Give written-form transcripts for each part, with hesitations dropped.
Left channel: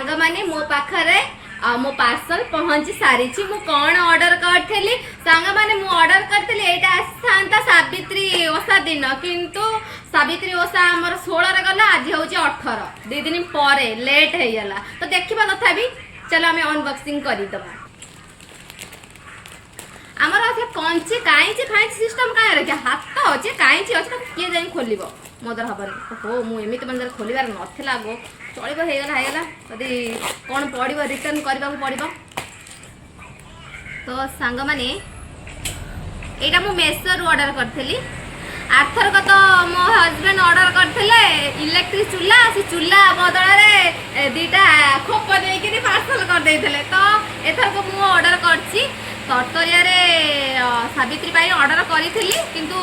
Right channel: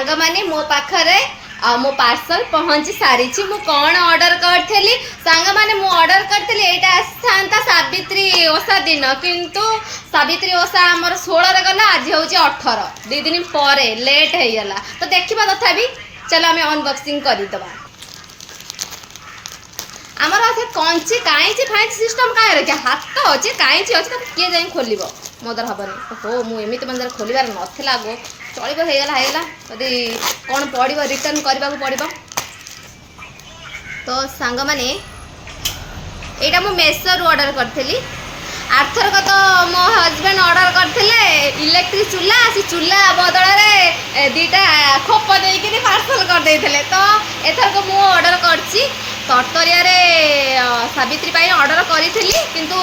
सांग माने मो पाखरे मो पार्सल पहुंची सारी मु कौन ऑर्डर करी सांग माने मु ऑर्डर करी एटा आसा सावित्री ओषा दिन किंतु सावित्री ओषा आमर 16 रे गला आज हूँ 18 2 दिन पर लेट हो गला तो देखा तथा चलो आम अनबॉक्सिंग करदे आमर से कंची काईची फाइंची सिस्टम कहीं रखे हाथ अच्छे काईची अच्छे किए जाए खोल मोदर हेनी हो मुझे मंदिर खोलार नाला गो चलो होगा यदि कौन पड़ो रिटर्न करने पड़ो तो सांग मैंने यहाँ मुझे मेसोरू ऑर्डर करी आरथरक तो मो हजबैंड ऑर्डर करते इलेक्ट्रिक चूल्हा से चूल्हा बदल में 2टा खोप देकर पार्सल करदे तो एथरक मु ऑर्डर करची तरतरिया सावित्री ऑर्डर करी किंतु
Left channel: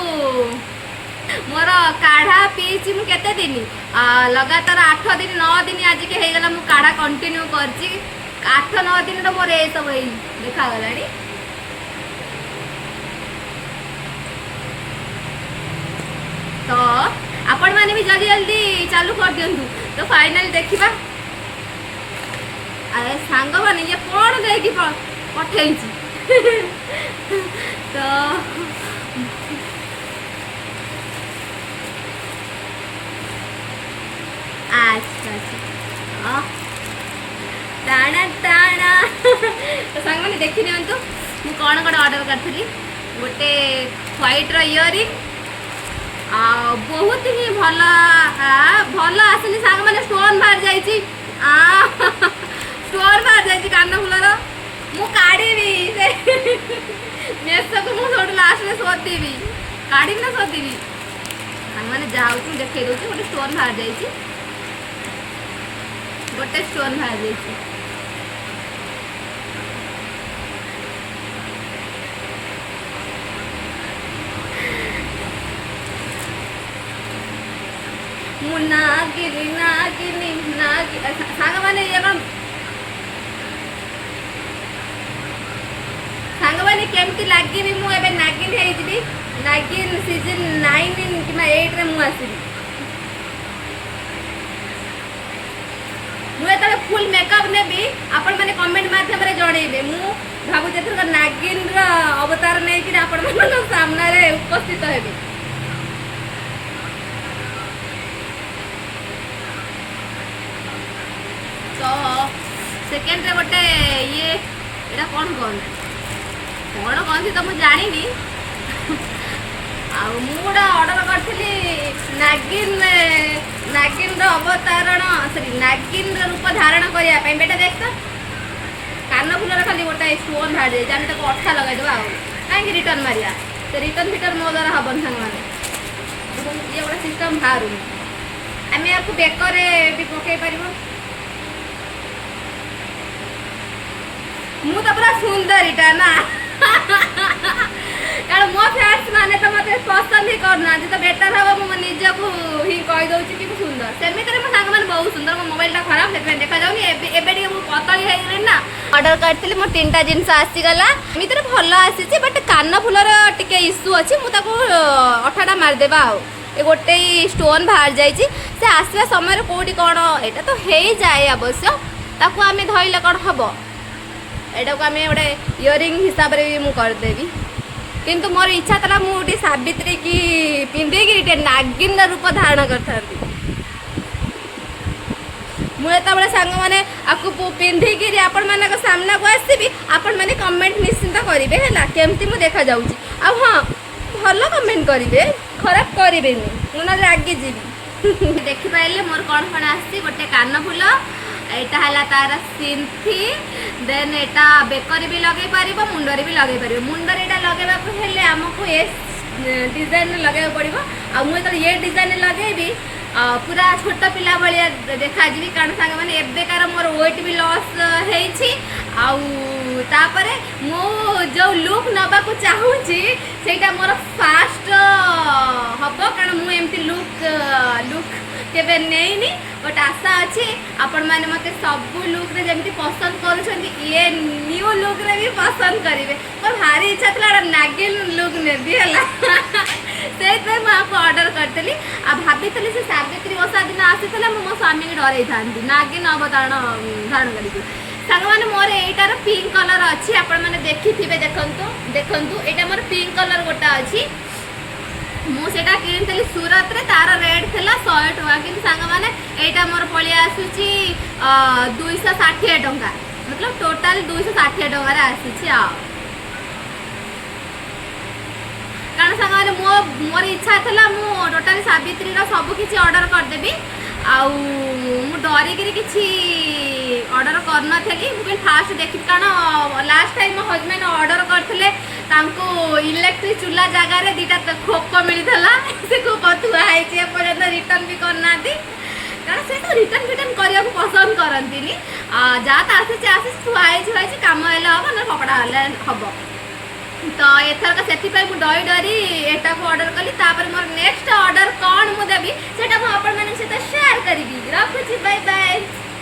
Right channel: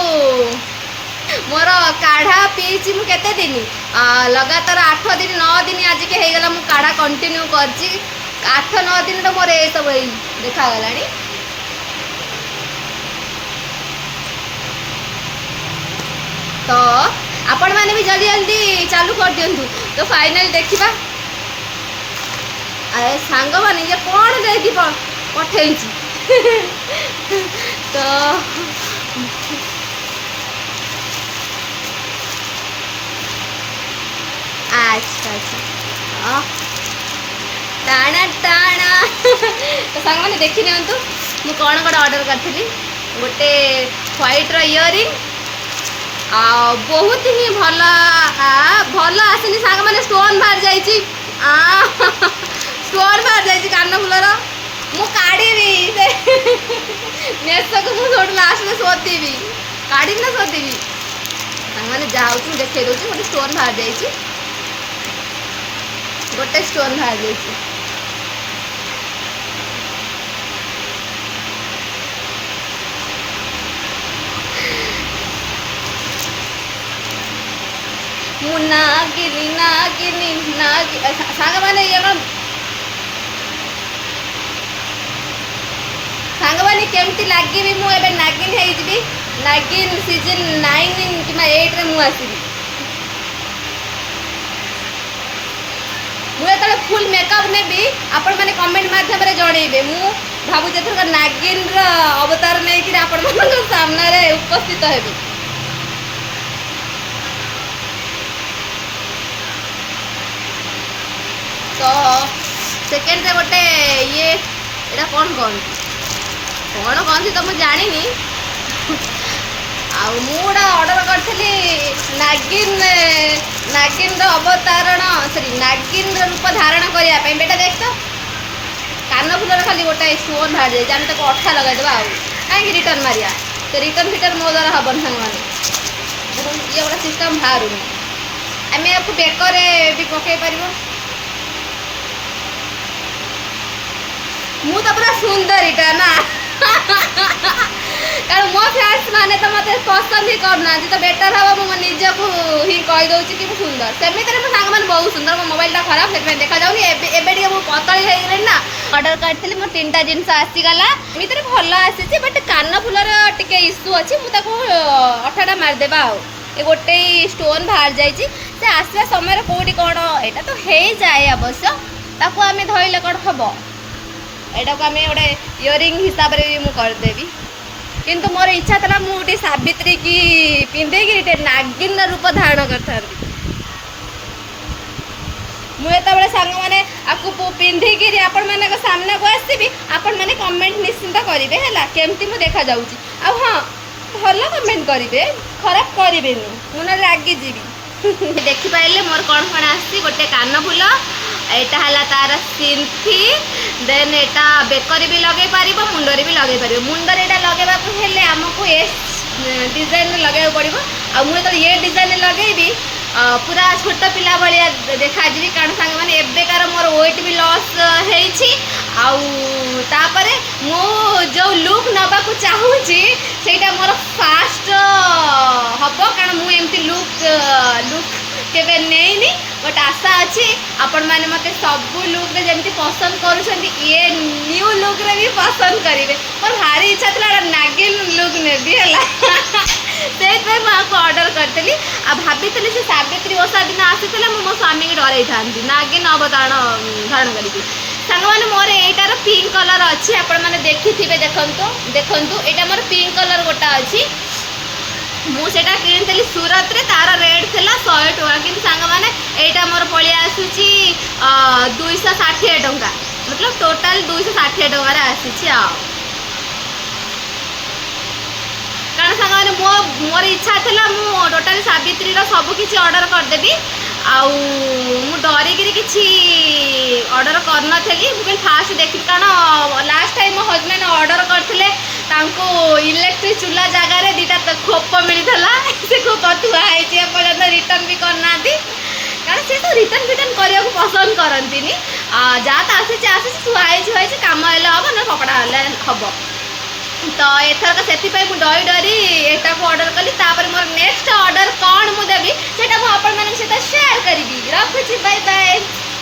मोर काढ़ा पीची मु केते दिन लगातार 8 दिन 9 दिन आज के हो गला मु काढ़ा कंटिन्यू करची 8-9 दिन तो मोर ये सब देखा गलानी तो आपण माने भी जल्दी जल्दी चालू कर दियंतु तो फाइनल देखिबा आए सांग माने ये कोन देकी पठेइची तो अच्छा अच्छा टाणा टाणा तो सांग मैंने देखी नियंतु मु कौन गोटे ऑर्डर करी गोटे व्हाइट इयरिंग बहुत ही भल भल आसनी सांग मैंने स्टोन बाहर जाइए स्टोन बाहर जाइए कान फुलर मु काढ़ी मेसो को मुझे लास्ट में शोधीबी काढ़ी ना शोधीबी मैंने जाऊँ देखे दूसरी गोटे स्टोन बाहर जाइए गोटे स्टोन बाहर जाइए मु नागिनी नागिनी नागिनी सांग मैंने ये सांग मैंने केमती लगे मुझे नागिन हो नागिन सीजन 9 कि 8 रे मु आसबी मुझे फुल मेकअप नेबी आपण मैंने कमेंट माध्यम जनइबे मु भावुचे थर नागिन अवतार नहीं कि आपण सामने उपस्थित हेबे तो सेकेंड रे गोटे ये एटा कौन कहती तो मुझे जानी आउटा ऑर्डर करी नागिन नागिन अवतारण सॉरी नागिन रूप धारण करने बेटा देख तो कान फुलर खाली गोटे स्टोन बाहर जाए आम तक अठा लगेदेवा कहीं रिटर्न मारिया तो रिटर्न फिटर्न मो द्वारा हेन सांग मैंने ये गोटे सिस्टम बाहर आम या बेकर भी पकई पार मु तो पूरा सुंदर इटा ना कारण मो फ्रेंड्स माने तो मते पसंद ही करना तो बेटर हम मो निज को ही कहि दउची कि सुंदर सेमिति रे सांग मन बहुत सुंदर मो मोबाइल टा खराब से देखा जाउनी एबे टिके मो पतली हे रे ना ऑर्डर करथिली मो 3टा जिंस आसी गला मित्र भलो आसी बट कान फुलर टिके इश्यू अछि मु ताको 8टा मार देबा ए गोटे स्टोन बाहर जाइछि से आसला समय कोठी कोन एटा तो हे जाय अवश्य ताको आमे धइले कोन हबो एटा को आमे गोटे इयरिंग हिसाब रे मु कर देबी किंतु मोर इच्छा था मुझे सावित्री की पिंधे कि नागिन रूप धारण कर मुझे सांग मैंने आपको पिंधिकी आपण मान सामना को आसबि आपण मैंने कमेंट निश्चिंत करेंगे है केमती मुझे देखा जाऊँगी आ हाँ भल कमेंट करेंगे खराब करेंगे मुझे रागी जीवी देखिपारे मोर कौन कौन आसी गोटे कान फुल एटा हला तार सिंथी देन एटा बेकर भी लगे पार मुंडर भी लगे पार मुंडर एटा लगेबा को हेले हमको ए डिजाइन लगे पड़ो आ मुझे ये डिजाइन लगेबी पूरा छोट पिला भाया देखा जी कारण सांग मैंने एबेकार मोर वेट भी लॉस आउे मो जो लुक नवा को चाहूँगी सेटा मोर फास्ट हम कारण मुझे लुक लुक केवे नहीं बट आशा अच्छी आपण मैंने मत सब लुक रे जमी पसंद करुँच ये न्यू लुक रे भी पसंद करेंगे मोर भारी इच्छा था नागिन लुक नेबी है से ऑर्डर करी आ भाभी से सावित्री ओषा दिन आसी मो स्वामी की डर था नागिन अवतारण धारण करी सांग मैंने मोर यार पिंक कलर अच्छी आपण मैंने देखी थे देखु देखु यहाँ मोर पिंक कलर गोटा अच्छी मुझे किनी सूरत रे तार रेट थी 100 टଙ୍କା कि सांग मैंने यहाँ मोर पलि आसूची 260 टଙ୍କା मतलब टोटाल 260 टकर आसूची कारण सांग मैंने मोर इच्छा थी मु टोटाल सावित्री सबकि ऑर्डर करदेवी आउ डरिकी किसी ऑर्डर करनी फास्ट देखी कारण लास्ट टाइम मो हजबैंड ऑर्डर करते इलेक्ट्रिक चूल्हा जगार दीटा खोप मिलता से खोप थुआई पर्यटन रिटर्न भी करना कारण सी तो रिटर्न फिटर्न करने को पसंद करती जहाँ तो आसी थुआई कम हेल्ले हम ना कपड़ा हेल्ले हम तो एथरक से डरी डरी एटा को ऑर्डर कली मोर नेक्स्ट ऑर्डर कौन मुझे देवी से शेयर करी रखुची बाय बाय।